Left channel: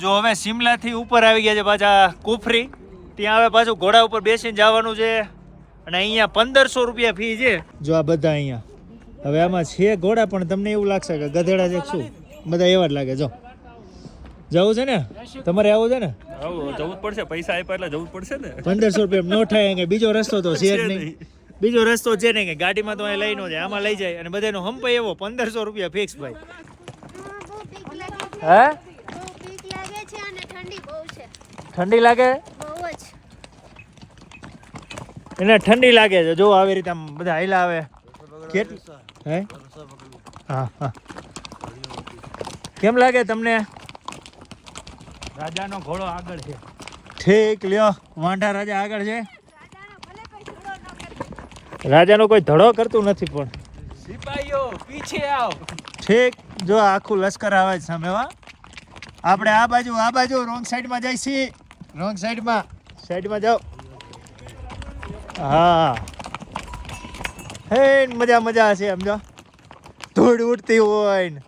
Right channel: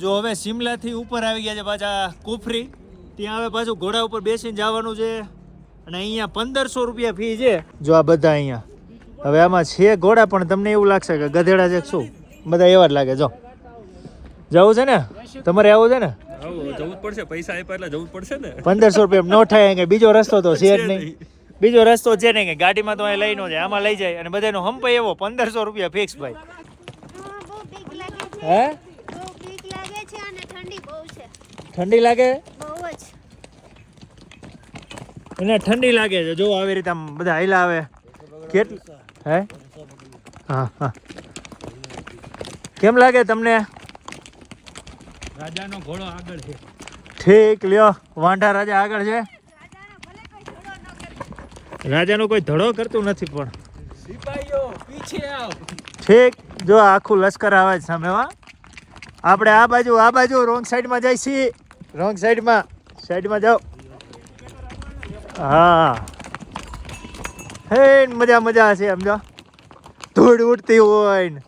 જો હવે શિમલાથી ઉપર આવી ગયા છે પાછા કુફરી. ત્યાં હવે પાછું ઘોડા ઉપર બેસીને જવાનું છે. અને અહીંયા પંદરસો રૂપિયા ફી છે. જો આ બધા અહીંયા. હવે આમાં છે ઘોડા પણ તમને એવું લાગશે કે ગધેડા છે શું? બધા એવા જ લાગે જો. જવું છે ને? તમારે આવું છે ને? જવું પડશે. પૈસા આપ્યા એટલે જવું જ પડશે ને? પંદરસો રૂપિયા નો થાય કે બીજો રસ્તો તો છે જ નહીં. બીજો રસ્તો છે નહીં કે ગાડીમાં તો અહીં લઈ નો જાય આમાં લઈ જાય. અને બધાનો હંપાય એવો પંદરસો રૂપિયા ફિક્સ ભાઈ. હા, બહુ બીક લાગે છે હે બહુ બીક લાગે છે અને ઠંડી બહુ છે. ઠંડી લાગે? બહુ જ. એને ઠંડી લાગે છે. જો આવી રીતે આમ બધા હાઈલા આવે. કેટલી હે? હા હા. કેમ લાગે તમને? રાજાનો ઘોડો આગળ છે. ઠીક લ્યો. વાંઢા રાજા આગળ છે. રાજાનો કોઈ ધડો કરતું નથી પણ. સિપાહીઓ પીછે આવ. ઠીક જો આખું લશ્કર આવે છે સામે હા. આપણે આ બાજુ આ બાજુ રોંગ સાઈડમાં જાય છીએ. રોંગ સાઈડમાં સાઈડમાં જાઓ. હા. હે, મજા મજા છે સમજો. ધૂળ ઉડતી હોય ને.